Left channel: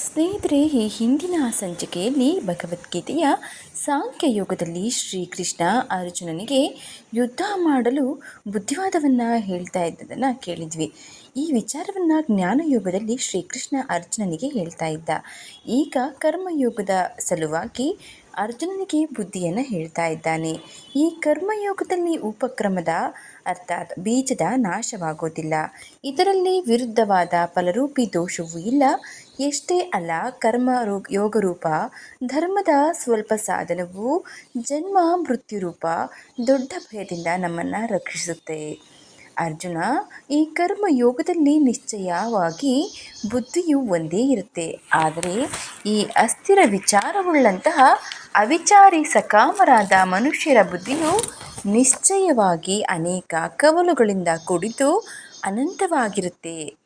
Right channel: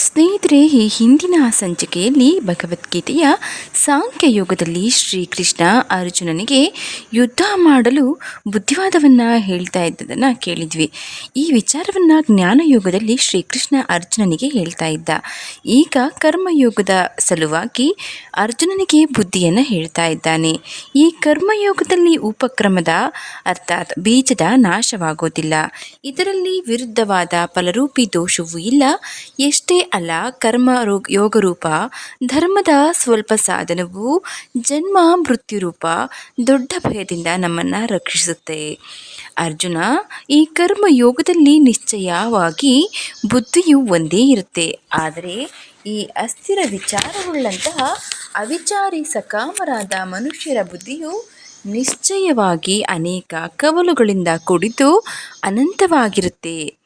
ಸ್ನೇಹಿತರೆ, ಈ ಹಿಂದಿನ ಸಂಚಿಕೆಯಲ್ಲಿ ಭಗವದ್ಗೀತೆಯ ಸಾಂಖ್ಯಯೋಗದಲ್ಲಿ ಶ್ರೀಕೃಷ್ಣ ಅರ್ಜುನನಿಗೆ ಯುದ್ಧ ಮಾಡಲು ಬುದ್ಧಿವಾದವನ್ನು ಹೇಳ್ತಾ ಇದ್ದದನ್ನು ಕೇಳಿದ್ವಿ. ಈ ವಿಚಾರವನ್ನು ಜ್ಞಾನಯೋಗದಲ್ಲಿ ಶ್ರೀಕೃಷ್ಣ ಅರ್ಜುನನಿಗೆ ಹೇಳ್ತಾ ಇದ್ದ. ಈಗ ಕರ್ಮಯೋಗದ ಸಲುವಾಗಿ ಅರ್ಜುನನಿಗೆ ಬುದ್ಧಿಯನ್ನು ಹೇಳ್ತಾ ಇದ್ದಾನೆ. ಈ ಕರ್ಮಯೋಗದಲ್ಲಿ ಉಪಕ್ರಮದ ಅರ್ಥಾತ್ ಬೀಜದ ನಾಶವಾಗೋದಿಲ್ಲ. ಇದರಲ್ಲಿ ವಿರುದ್ಧವಾದ ಫಲರೂಪಿ ದೋಷವೂ ಇಲ್ಲ. ಎಷ್ಟೇ ಅಲ್ಲ ಕರ್ಮ ಯೋಗ ಯೋಗರೂಪ ಧರ್ಮದ ಸ್ವಲ್ಪ ಸಾಧನವು ಜನ್ಮ ಮೃತ್ಯು ರೂಪ ದೊಡ್ಡ ಭಯದಿಂದ ನಮ್ಮನ್ನು ರಕ್ಷಿಸುತ್ತೆ. ಅರ್ಜುನ, ಈ ಕರ್ಮ ಯೋಗದಲ್ಲಿ ನಿಶ್ಚಯವಾಗಿ ಬುದ್ಧಿಯು ಒಂದೇ ಇರುತ್ತೆ. ಆದರೆ ಈ ಅಸ್ಥಿರ ವಿಚಾರವುಳ್ಳಂತಹ ಅವಿಚಾರಿ ಸಕಾಮರಾದ ಮನುಷ್ಯರ ಬುದ್ಧಿಯು ನಿಶ್ಚಯವಾಗಿ ಅನೇಕ ಕವಲುಗಳಿಂದ ಕೂಡಿದ್ದು ಅನಂತವಾಗಿರುತ್ತೆ.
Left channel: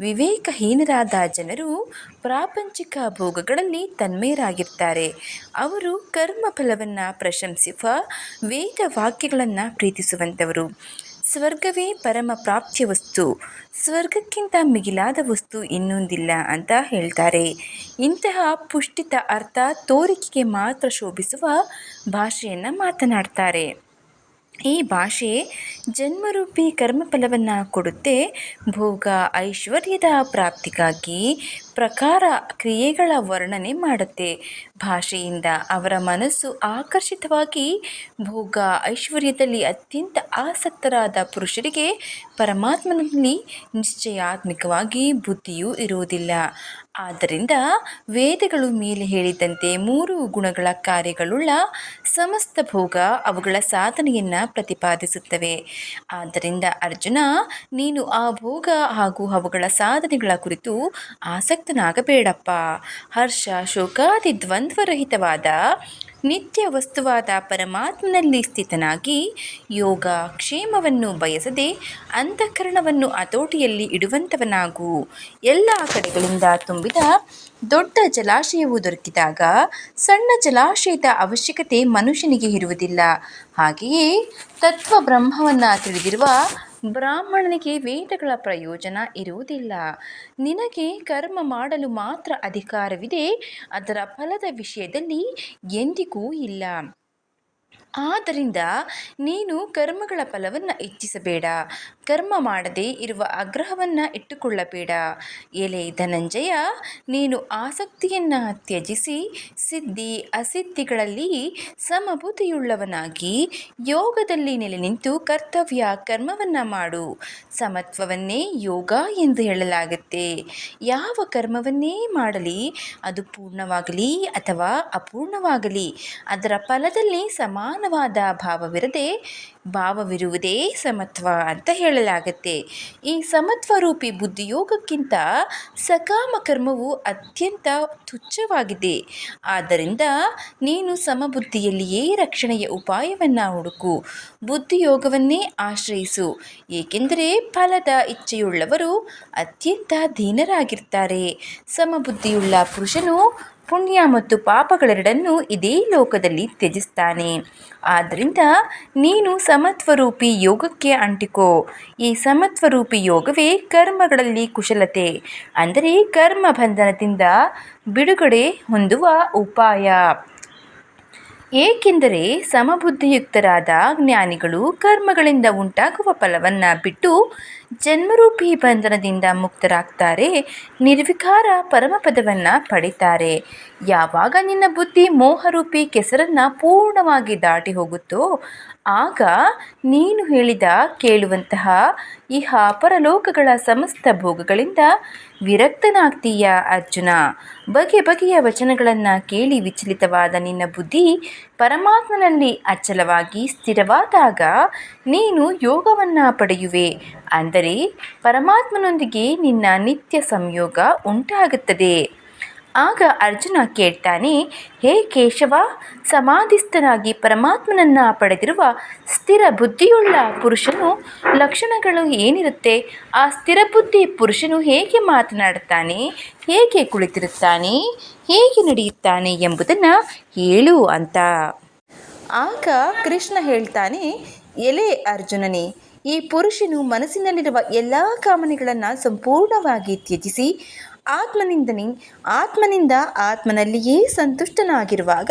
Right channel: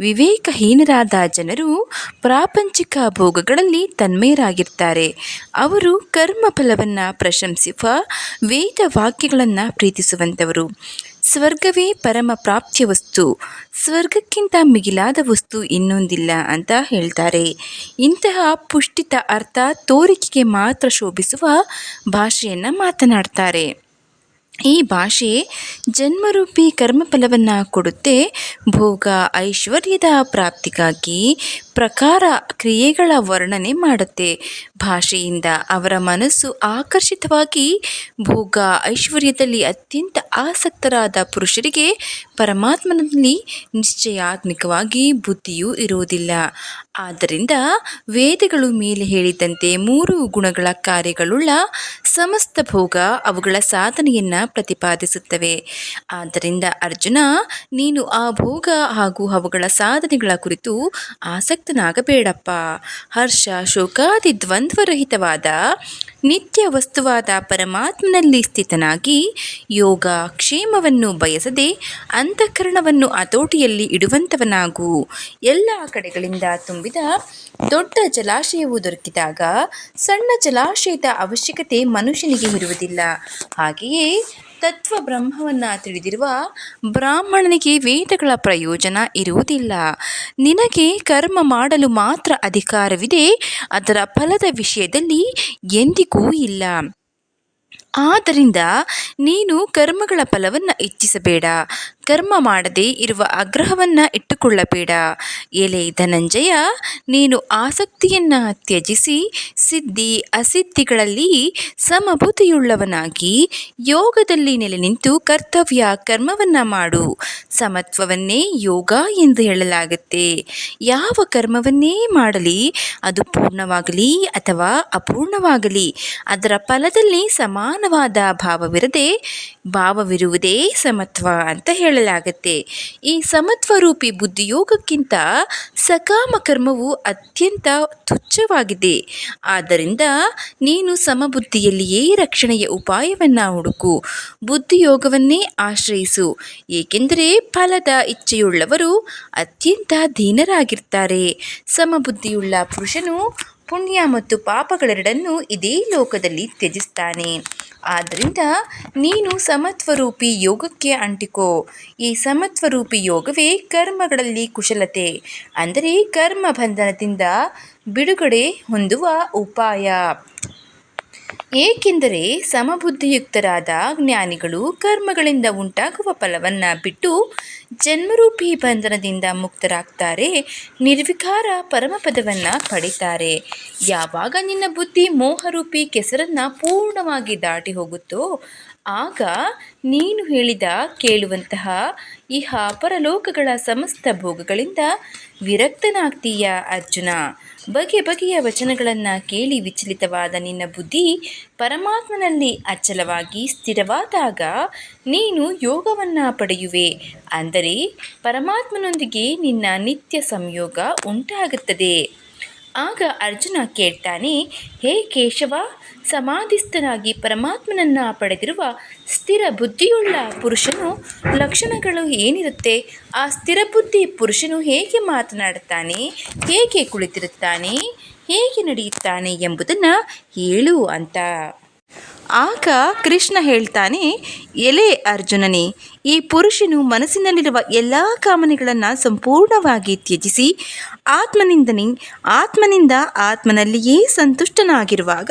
ವಿವೇಕಹೀನರಾದ ಜನರು ಪ್ರಾಪಂಚಿಕ ಭೋಗಗಳಲ್ಲಿ ತನ್ಮಯರಾಗಿರ್ತಾರೆ. ಅವರು ಕರ್ಮಫಲವನ್ನು ಪ್ರಶಂಸಿಸುವ ವೇದ ವಾಕ್ಯಗಳನ್ನು ಪ್ರೀತಿಸುವಂಥವರು. ಸ್ವರ್ಗವೇ ಪರಮ ಪ್ರಾಪ್ತಿಯ ವಸ್ತು. ಸ್ವರ್ಗಕ್ಕಿಂತ ಮಿಗಿಲಾದ ವಸ್ತು ಇನ್ನೊಂದಿಲ್ಲ ಅಂತ ಹೇಳ್ತಾರೆ. ಇಂತಹ ಪುಷ್ಟಿತ ಅರ್ಥ ತೋರಿಕೆಗೆ ಮಾತ್ರ ಶೋಭಿಸುವ ಭಾಷೆಯನ್ನು ಮಾತನಾಡ್ತಾರೆ. ಈ ಭಾಷೆ ಜನ್ಮರೂಪಿ ಕರ್ಮಫಲವನ್ನು ಕೊಡುತ್ತೆ. ಭೋಗ ಐಶ್ವರ್ಯದ ಪ್ರಾಪ್ತಿಗಾಗಿ ಪ್ರಕಾರ ಕ್ರಿಯೆಗಳ ವರ್ಣನೆ ಮಾಡುತ್ತೆ. ಭಾಷೆಯಿಂದ ಅವರ ಮನಸ್ಸು ಆಕರ್ಷಿತವಾಗಿ ಭೋಗ ಐಶ್ವರ್ಯದಲ್ಲಿ ಅತ್ಯಂತ ಆಸಕ್ತರಾದ ಪುರುಷರಿಗೆ ಪರಮಾತ್ಮನಲ್ಲಿ ನಿಶ್ಚಯಾತ್ಮಕವಾಗಿ ಬುದ್ಧಿಯೂ ಇರುವುದಿಲ್ಲ. ಆದ್ದರಿಂದ ವೇದಗಳು ಮೇಲೆ ಹೇಳಿದಂತೆ ಮೂರು ಗುಣಗಳ ಕಾರ್ಯಗಳುಳ್ಳ ಸಮಸ್ತ ಭೋಗ ಅವುಗಳ ಸಾಧನೆಯನ್ನು ಪ್ರತಿಪಾದಿಸುತ್ತವೆ. ಆದ್ದರಿಂದ ಅರ್ಜುನ, ನೀನು ಆ ಭೋಗ ಹಾಗೂ ಅವುಗಳ ಸಾಧನೆಗಳ ಕುರಿತು ಆಸಕ್ತನಾಗಬೇಡಪ್ಪ. ಹರ್ಷ ಶೋಕಾದಿ ದ್ವಂದ್ವರಹಿತವಾದ ನಿತ್ಯ ವಸ್ತುವಾದ ಪರಮಾತ್ಮನಲ್ಲಿ ಸ್ಥಿತನಾಗಿ ಯೋಗ ಕ್ಷೇಮವನ್ನು ಬಯಸದೆ ಅಂತಃಕರಣವನ್ನು ಹತೋಟಿಯಲ್ಲಿ ಇಡುವಂಥವನಾಗು. ಎಲ್ಲ ಕಡೆಗಳಿಂದ ತುಂಬಿದ ದೊಡ್ಡ ಜಲಾಶಯವು ದೊರಕಿದಾಗ ಸಣ್ಣ ಜಲಾಶಯದ ಅವಶ್ಯಕತೆ ಮನುಷ್ಯನಿಗೆ ಇರುವುದಿಲ್ಲ. ಹಾಗೆಯೇ ತತ್ವ ಬ್ರಹ್ಮವನ್ನು ತಿಳಿದಿರುವ ಬ್ರಾಹ್ಮಣನಿಗೆ ವೇದಗಳ ಪ್ರಯೋಜನ ಇರುವುದಿಲ್ಲ. ನಿನಗೆ ಕರ್ಮ ಮಾಡಲು ಮಾತ್ರ ಅಧಿಕಾರವಿದೆ, ಅದರ ಫಲದ ವಿಷಯದಲ್ಲಿ ಎಂದಿಗೂ ಇಲ್ಲ. ಆದ್ದರಿಂದ ನೀನು ಕರ್ಮಗಳ ಫಲವನ್ನು ಇಚ್ಛಿಸಬೇಡ ಕರ್ಮ ಮಾಡದೆ ಇರುವ ಆಗ್ರಹವನ್ನು ಇಟ್ಟುಕೊಳ್ಳಬೇಡ. ಎಲೆ ಧನಂಜಯ, ನೀನು ಆಸಕ್ತಿಯನ್ನು ತ್ಯಜಿಸಿ ಸಿದ್ಧಿ ಅಸಿದ್ಧಿಗಳಲ್ಲಿ ಸಮಭೂತಿಯುಳ್ಳವನಾಗಿ ಯೋಗದಲ್ಲಿ ನೆಲೆ ನಿಂತು ಕರ್ತವ್ಯ ಕರ್ಮವನ್ನು ಮಾಡು. ಸಮತ್ವವನ್ನೇ ಯೋಗ ಎಂದು ಹೇಳಲಾಗುತ್ತೆ. ಯಾವ ಕರ್ಮವನ್ನೇ ಮಾಡಲಿ, ಅದು ಪೂರ್ಣವಾಗಲಿ ಅಥವಾ ಅಪೂರ್ಣವಾಗಲಿ, ಅದರ ಫಲದಲ್ಲಿ ಸಮಾನವಾದ ಭಾವವಿರದೆ ಭಾವವಿರುವುದೇ ಸಮತ್ವ ಅಂತ ಹೇಳಲಾಗುತ್ತೆ ಈ ಸಮತ್ವರೂಪಿ ಬುದ್ಧಿಯೋಗಕ್ಕಿಂತ ಸಕಾಮ ಕರ್ಮವು ಅತ್ಯಂತ ತುಚ್ಛವಾಗಿದೆ. ಆದ್ದರಿಂದ ನೀನು ಸಮಬುದ್ಧಿಯಲ್ಲಿಯೇ ರಕ್ಷಣೆಯ ಉಪಾಯವನ್ನು ಹುಡುಕು. ಬುದ್ಧಿಯೋಗವನ್ನೇ ಆಶ್ರಯಿಸು. ಏಕೆಂದರೆ ಫಲದ ಇಚ್ಛೆಯುಳ್ಳವರು ಅತ್ಯಂತ ದೀನರಾಗಿರ್ತಾರೆ. ಸಮಬುದ್ಧಿಯುಳ್ಳ ಪುರುಷನು ಪುಣ್ಯ ಮತ್ತು ಪಾಪಗಳೆರಡನ್ನೂ ಇದೇ ಲೋಕದಲ್ಲಿ ತ್ಯಜಿಸ್ತಾನೆ. ಆದ್ದರಿಂದ ನೀನು ಸಮತ್ವರೂಪಿ ಯೋಗಕ್ಕೆ ಅಂಟಿಕೋ. ಈ ಸಮತ್ವರೂಪಿ ಯೋಗವೇ ಕರ್ಮಗಳಲ್ಲಿ ಕುಶಲತೆ. ಅಂದರೆ ಕರ್ಮ ಬಂಧನದಿಂದ ಬಿಡುಗಡೆ ಹೊಂದುವ ಉಪಾಯ. ಏಕೆಂದರೆ ಸಮಬುದ್ಧಿಯುಕ್ತರಾದ ಜ್ಞಾನಿಗಳು ಕರ್ಮಗಳಿಂದ ಉಂಟಾಗುವ ಫಲವನ್ನು ಬಿಟ್ಟು ಜನ್ಮರೂಪಿ ಬಂಧನದಿಂದ ಮುಕ್ತರಾಗ್ತಾರೆ, ನಿರ್ವಿಕಾರ ಪರಮಪದವನ್ನು ಪಡಿತಾರೆ ಯಾವಾಗ ನಿನ್ನ ಬುದ್ಧಿ ಮೋಹರೂಪಿ ಕೆಸರನ್ನು ಪೂರ್ಣವಾಗಿ ದಾಟಿ ಹೋಗುತ್ತೋ, ಆಗ ನೀನು ಹೇಳಿದ ಕೇಳುವಂತಹ ಇಹ ಪರಲೋಕಗಳ ಸಮಸ್ತ ಭೋಗಗಳಿಂದ ವಿರಕ್ತನಾಗ್ತೀಯ ಅರ್ಜುನ? ಬಗೆ ಬಗೆಯ ವಚನಗಳನ್ನು ಕೇಳಿ ವಿಚಲಿತವಾದ ನಿನ್ನ ಬುದ್ಧಿ ಪರಮಾತ್ಮನಲ್ಲಿ ಅಚಲವಾಗಿ ಸ್ಥಿರವಾದಾಗ ನೀನು ಯೋಗವನ್ನು ಪಡೆಯುವೆ. ಅಂದರೆ ಪರಮಾತ್ಮನೊಂದಿಗೆ ನಿನ್ನ ನಿತ್ಯ ಸಂಯೋಗ ಉಂಟಾಗುತ್ತದೆ. ಆಗ ಅರ್ಜುನ ಕೇಳ್ತಾನೆ, ಹೇ ಕೇಶವ, ಸಮಾಧಿಸ್ಥನಾಗಿ ಪರಮಾತ್ಮನನ್ನು ಪಡೆದಿರುವ ಸ್ಥಿರ ಬುದ್ಧಿಯುಳ್ಳ ಪುರುಷನು ಲಕ್ಷಣಗಳು ಏನಿರುತ್ತೆ? ಆ ಸ್ಥಿರ ಬುದ್ಧಿ ಪುರುಷನು ಹೇಗೆ ಮಾತನಾಡುತ್ತಾನೆ? ಹೇಗೆ ಕುಳಿತಿರುತ್ತಾನೆ? ಹೇಗೆ ನಡೆಯುತ್ತಾನೆ ಎಂಬುದನ್ನು ಹೇಳು ಅಂತ. ಆಗ ಕೃಷ್ಣ ಹೇಳ್ತಾನೆ, ಎಲೆ ಅರ್ಜುನನೇ, ಈ ಪುರುಷನು ಮನಸ್ಸಿನಲ್ಲಿರುವ ಎಲ್ಲ ಕಾಮನೆಗಳನ್ನು ಸಂಪೂರ್ಣವಾಗಿ ತ್ಯಜಿಸಿ ಆತ್ಮನಿಂದನೇ, ಆತ್ಮನಿಂದ ಆತ್ಮನಲ್ಲಿಯೇ ಸಂತುಷ್ಟನಾಗಿರುವಾಗ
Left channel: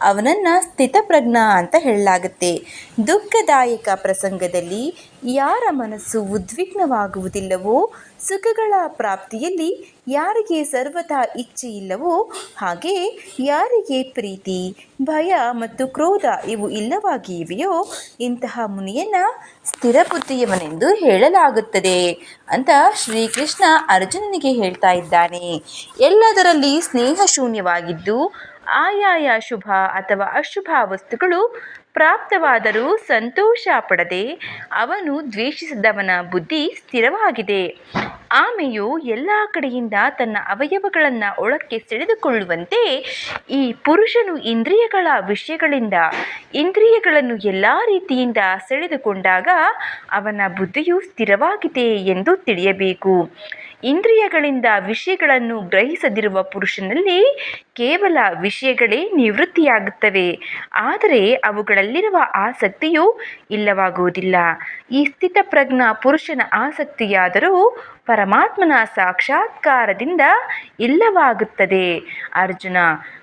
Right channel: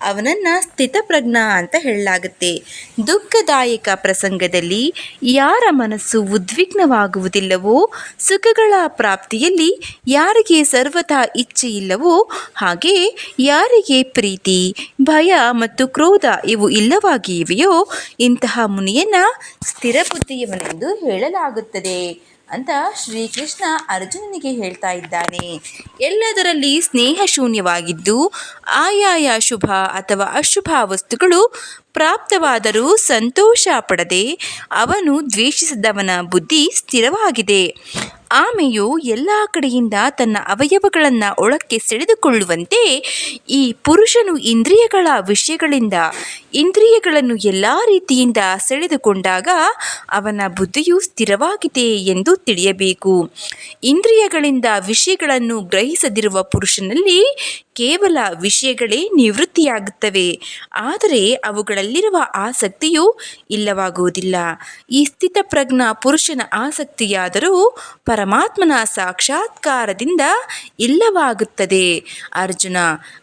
ಅವನನ್ನು ಸ್ಥಿತಪ್ರಜ್ಞ ಅಂತ ಹೇಳಲಾಗುತ್ತೆ. ದುಃಖದಾಯಕ ಪ್ರಸಂಗದಲ್ಲಿ ಯಾರ ಮನಸ್ಸು ಉದ್ವಿಗ್ನವಾಗುವುದಿಲ್ಲವೋ, ಸುಖಗಳ ಪ್ರಾಪ್ತಿಯಲ್ಲಿ ಯಾರಿಗೆ ಸರ್ವತಾ ಇಚ್ಛೆ ಇಲ್ಲವೋ, ಹಾಗೆ ಯಾರಿಗೆ ಪ್ರೀತಿ, ಭಯ ಮತ್ತು ಕ್ರೋಧ ಇವು ಇಲ್ಲವಾಗಿವೆಯೋ, ಇಂತಹ ಮುನಿಯನ್ನ ಸ್ಥಿರ ಬುದ್ಧಿಯವನೆಂದು ಹೇಳಲಾಗುತ್ತದೆ. ಅಂತ ಶ್ರೀಕೃಷ್ಣ ಅರ್ಜುನನಿಗೆ ಹೇಳ್ತಾ ಇದ್ದಾನೆ. ಎಲ್ಲದರಲ್ಲಿ ಸ್ನೇಹ ಶೂನ್ಯವಾಗಿದ್ದು, ಆಯಾಯ ಶುಭ ಅಥವಾ ಅಶುಭ ವಸ್ತುಗಳು ಪ್ರಾಪ್ತವಾದರೂ ಸಂತೋಷ ಪಡದೆ ಅವನು ದ್ವೇಷಿಸಿದವನ ಬುದ್ಧಿ ಸ್ಥಿರವಾಗಿದೆ. ಆಮೆಯು ಎಲ್ಲ ಕಡೆಯಿಂದ ತನ್ನ ಅವಯವಗಳನ್ನು ಒಳಕ್ಕೆ ಸೆಳೆದುಕೊಳ್ಳುವಂತೆ ಈ ಪುರುಷನು ಇಂದ್ರಿಯಗಳ ವಿಷಯಗಳಿಂದ ಇಂದ್ರಿಯಗಳನ್ನು ಎಲ್ಲ ರೀತಿಯಿಂದ ಸೆಳೆದುಕೊಂಡಾಗ ಅವನ ಬುದ್ಧಿಯು ಸ್ಥಿರವಾಗಿದೆ ಎಂದು ತಿಳಿಯಬೇಕು. ಇಂದ್ರಿಯಗಳಿಂದ ವಿಷಯಗಳನ್ನು ಗ್ರಹಿಸದಿರುವ ಪುರುಷನಲ್ಲಿ ಕೇವಲ ವಿಷಯಗಳೇ ನಿವೃತ್ತಿಯಾಗುತ್ತವೆ. ಆದರೆ ಅವುಗಳಲ್ಲಿರುವ ಆಸಕ್ತಿಯು ಇಲ್ಲವಾಗುವುದಿಲ್ಲ. ಈ ಸ್ಥಿತಪ್ರಜ್ಞ ಪುರುಷನ ಆಸಕ್ತಿಯಾದರೂ ಪರಮಾತ್ಮನ ಸಾಕ್ಷಾತ್ಕಾರದಿಂದ ಇಲ್ಲವಾಗುತ್ತದೆ. ಅರ್ಜುನ,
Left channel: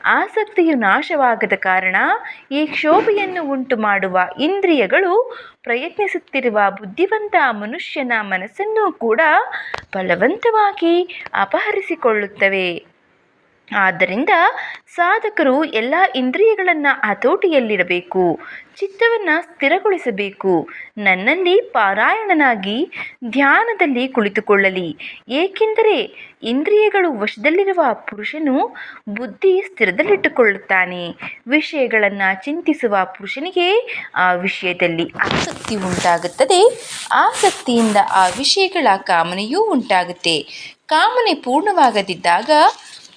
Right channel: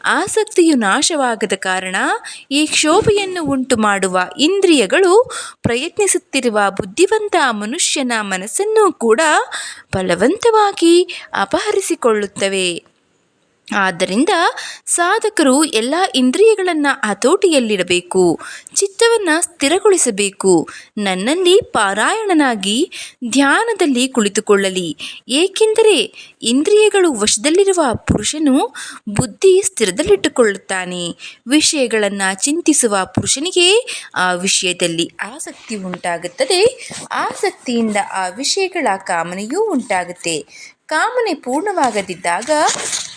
ಆಸಕ್ತಿಯು ನಾಶವಾಗದ ಕಾರಣ ಈ ಕ್ಷೋಭೆಯನ್ನು ಉಂಟು ಮಾಡುವ ಇಂದ್ರಿಯಗಳು ಪ್ರಯತ್ನಿಸುತ್ತಿರುವ ಬುದ್ಧಿವಂತ ಮನುಷ್ಯನ ಮನಸ್ಸನ್ನು ಕೂಡ ಬಲವಂತವಾಗಿ ಅಪಹರಿಸಿಕೊಳ್ಳುತ್ತವೆ. ಆದ್ದರಿಂದ ಸಾಧಕರು ಎಲ್ಲ ಇಂದ್ರಿಯಗಳನ್ನು ಹತೋಟಿಯಲ್ಲಿಡಬೇಕು ಚಿತ್ತವನ್ನು ಸ್ಥಿರಗೊಳಿಸಬೇಕು, ನನ್ನಲ್ಲಿ ಪಾರಾಯಣನಾಗಿ ಧ್ಯಾನದಲ್ಲಿ ಕುಳಿತುಕೊಳ್ಳಲಿ. ಏಕೆಂದರೆ ಇಂದ್ರಿಯಗಳು ವಶದಲ್ಲಿರುವ ಪುರುಷನು ಬುದ್ಧಿ ಸ್ಥಿರದಲ್ಲಿಟ್ಟುಕೊಳ್ಳುತ್ತಾನೆ. ವಿಷಯಗಳನ್ನು ಚಿಂತಿಸುವ ಪುರುಷನಿಗೆ ಆ ವಿಷಯದಲ್ಲಿ ಆಸಕ್ತಿ ಉಂಟಾಗುತ್ತದೆ. ಆಸಕ್ತಿಯಿಂದ ಆ ವಿಷಯಗಳ ಕಾಮನೆಯೂ ಉಂಟಾಗುತ್ತೆ. ಕಾಮನೆ ಪೂರ್ಣವಾಗದಿದ್ದಾಗ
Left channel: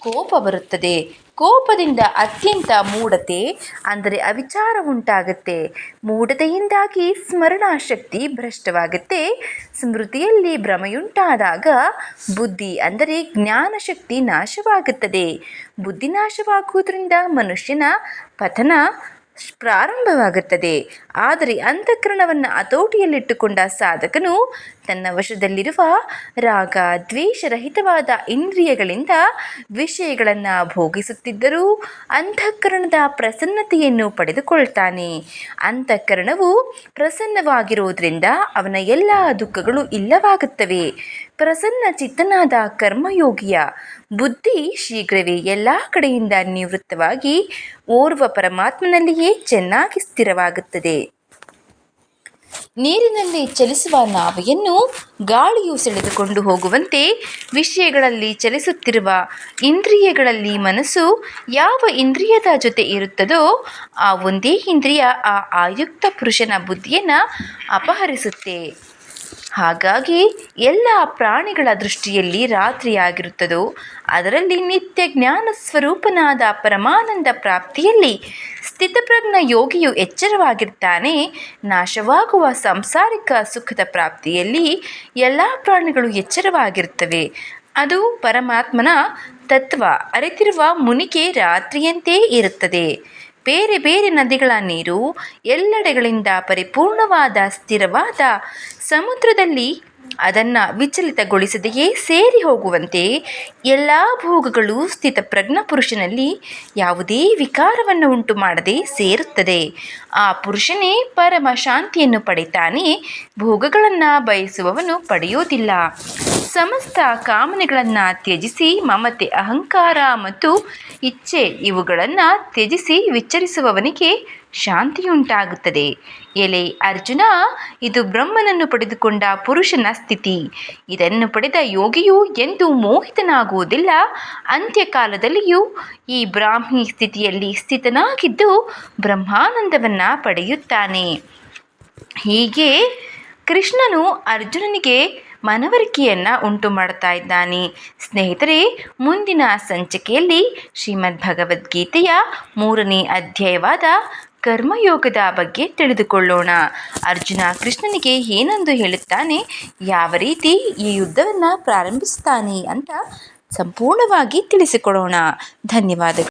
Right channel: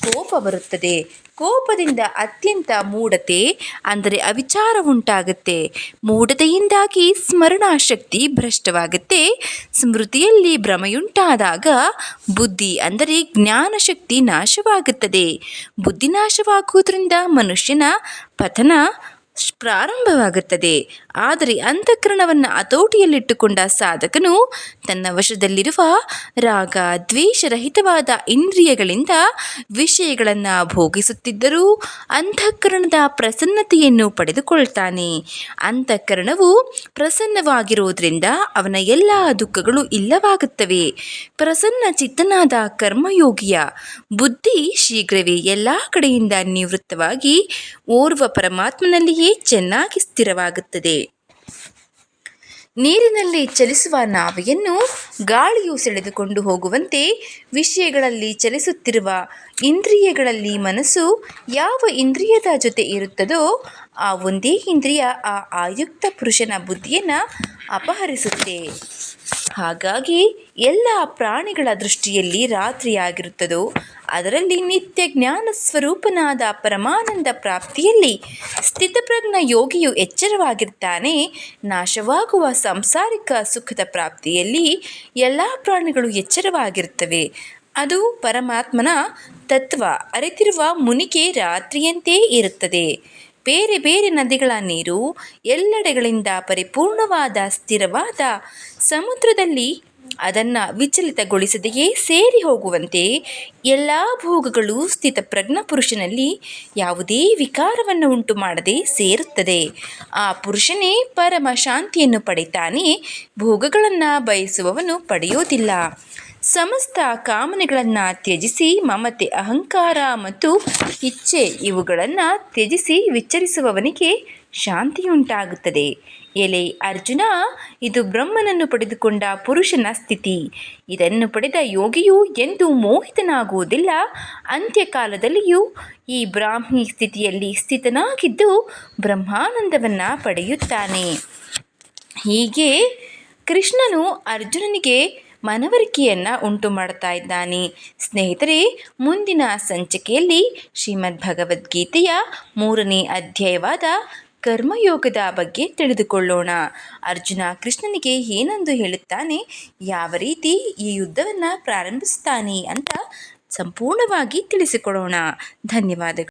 ಕೋಪ ಬರುತ್ತದೆ. ಕೋಪದಿಂದ ಅತ್ಯಂತ ಮೂಢತೆ ಅಂದರೆ ಅವಿಚಾರ ಉಂಟಾಗುತ್ತೆ. ಮೂಢತೆಯಿಂದಾಗಿ ಸ್ಮರಣಾಶಕ್ತಿ ಭ್ರಷ್ಟವಾಗುತ್ತೆ. ಸ್ಮೃತಿಯಲ್ಲಿ ಭ್ರಮೆಯುಂಟಾದಾಗ ಬುದ್ಧಿ ಅಂದರೆ ಜ್ಞಾನಶಕ್ತಿ ನಾಶವಾಗುತ್ತದೆ. ಬುದ್ಧಿ ನಾಶವಾಗುವುದರಿಂದ ಮನುಷ್ಯನ ಪತನ ಪ್ರಾರಂಭವಾಗುತ್ತದೆ. ಆದರೆ ಅಂತಃಕರಣವನ್ನು ಹತೋಟಿಯಲ್ಲಿಟ್ಟುಕೊಂಡ ಸಾಧಕನು ತನ್ನ ವಶದಲ್ಲಿರುವ ರಾಗ ದ್ವೇಷರಹಿತವಾದ ಇಂದ್ರಿಯಗಳಿಂದ ವಿಷಯಗಳನ್ನು ಭೋಗಿಸುತ್ತಿದ್ದರೂ ಅಂತಃಕರಣದ ಪ್ರಸನ್ನತೆಯನ್ನು ಪಡೆದುಕೊಳ್ತಾನೆ. ಅಂತಃಕರಣವು ಪ್ರಸನ್ನವಾಗಿರುವುದರಿಂದ ಅವನ ಎಲ್ಲ ದುಃಖಗಳು ಇಲ್ಲವಾಗುತ್ತವೆ. ಪ್ರಸನ್ನ ಚಿತ್ತನಾದ ಕರ್ಮಯೋಗಿಯ ಬುದ್ಧಿ ಶೀಘ್ರವೇ ಎಲ್ಲ ಕಡೆಯಿಂದ ನಿವೃತ್ತವಾಗಿ ಓರ್ವ ಪರಮಾತ್ಮನಲ್ಲಿಯೇ ಚೆನ್ನಾಗಿ ಸ್ಥಿರವಾಗುತ್ತದೆ. ನೀರಿನಲ್ಲಿ ಚಲಿಸುವ ನಾವೆಯನ್ನು ಗಾಳಿಯು ಸೆಳೆದುಕೊಂಡು ಹೋಗುವಂತೆ ವಿಷಯಗಳಲ್ಲಿ ಚಲಿಸುತ್ತಿರುವ ಇಂದ್ರಿಯಗಳಲ್ಲಿ ಮನಸ್ಸು ಯಾವ ಇಂದ್ರಿಯದ ಜೊತೆ ಇರುತ್ತದೋ ಆ ಒಂದೇ ಇಂದ್ರಿಯ ಆ ಆಯುಕ್ತ ಪುರುಷನ ಬುದ್ಧಿಯನ್ನು ಅಪಹರಿಸುತ್ತೆ. ಹಾಗಾಗಿ ಎಲ್ಲ ಪ್ರಾಣಿಗಳ ದೃಷ್ಟಿಯಲ್ಲಿ ರಾತ್ರಿಯಾಗಿರುತ್ತದೋ ಅದರಲ್ಲಿ ನಿತ್ಯ ಜ್ಞಾನ ಸ್ವರೂಪನಾದ ಪರಮಾನಂದ ಪ್ರಾಪ್ತಿಯಲ್ಲಿ ಸ್ಥಿತಪ್ರಜ್ಞ ಯೋಗಿಯು ಎಚ್ಚರವಾಗಿರ್ತಾನೆ. ನಾಶವಾಗುವ ಸಾಂಸಾರಿಕ ಸುಖದ ಪ್ರಾಪ್ತಿಯಲ್ಲಿ ಎಲ್ಲ ಪ್ರಾಣಿಗಳು ಎಚ್ಚರವಾಗಿರ್ತವೆ ಅದು ಪರಮಾತ್ಮನ ತತ್ವ. ಅರಿತಿರುವ ಮುನಿಗೆ ರಾತ್ರಿಯಂತೆ ಇರುತ್ತದೆ. ಬೇರೆ ಬೇರೆ ನದಿಗಳ ನೀರು ಎಲ್ಲೆಡೆಗಳಿಂದ ಪರಿಪೂರ್ಣವಾದ ಸ್ಥಿರವಾದ ಸಮುದ್ರದಲ್ಲಿ ಅದನ್ನು ವಿಚಲಿತಗೊಳಿಸದೆಯೇ ಸೇರಿ ಹೋಗುವಂತೆ ಎಲ್ಲ ಭೋಗಗಳು ಸ್ಥಿತಪ್ರಜ್ಞ ಪುರುಷನಲ್ಲಿ ಯಾವುದೇ ವಿಕಾರವನ್ನು ಉಂಟು ಮಾಡದೆ ಸೇರುತ್ತದೆ. ಆ ಪುರುಷನೇ ಪರಮ ಶಾಂತಿಯನ್ನು ಪಡೆತಾನೆ ಭೋಗಗಳನ್ನು ಬಯಸುವವನು ಪಡೆಯೋದಿಲ್ಲ ಸಮಸ್ತ ಕಾಮನೆಗಳನ್ನು ತ್ಯಜಿಸಿ, ಮಮತೆ, ಅಹಂಕಾರ ಮತ್ತು ಇಚ್ಛೆ ಇವುಗಳನ್ನು ತ್ಯಜಿಸಿ ವಿಚರಿಸುವವನಿಗೆ ಶಾಂತಿಯುಂಟಾಗುತ್ತದೆ. ಎಲೆ ಅರ್ಜುನ, ಇದು ಬ್ರಹ್ಮನನ್ನು ಪಡೆದುಕೊಂಡ ಪುರುಷನ ಸ್ಥಿತಿ. ಇದನ್ನು ಪಡೆದ ಯೋಗಿಯು ಎಂದು ಮೋಹಿತನಾಗುವುದಿಲ್ಲ. ಅಂತ್ಯಕಾಲದಲ್ಲಿಯೂ ಈ ಬ್ರಾಹ್ಮಿ ಸ್ಥಿತಿಯಲ್ಲಿ ಸ್ಥಿತನಾಗಿದ್ದು ಬ್ರಹ್ಮಾನಂದವನ್ನು ಪಡೆಯುತ್ತಾನೆ. ಹೀಗೆ ಕೃಷ್ಣನು ಅರ್ಜುನನಿಗೆ ಮನವರಿಕೆಯನ್ನು ಉಂಟು ಮಾಡ್ತಾ ಇದ್ದಾನೆ. ಸ್ನೇಹಿತರೆ, ಮುಂದಿನ ಸಂಚಿಕೆಯಲ್ಲಿ ಶ್ರೀಮದ್ ಭಗವದ್ಗೀತೆಯ ಮೂರನೇ ಅಧ್ಯಾಯವಾದ ಕರ್ಮಯೋಗದ ಬಗ್ಗೆ ತಿಳಿದುಕೊಳ್ಳೋಣ. ಅರ್ಜುನ ಕೃಷ್ಣನಿಗೆ ಏನಂದು ಹೇಳುತ್ತಾನೆ? ಯಾವ ರೀತಿ ಈ ಯುದ್ಧವನ್ನು ಪ್ರಾರಂಭಿಸ್ತಾನೆ ಅಂತ ಸಂಪೂರ್ಣವಾಗಿ ತಿಳಿಸಿಕೊಡೋಣ. ಧನ್ಯವಾದಗಳು.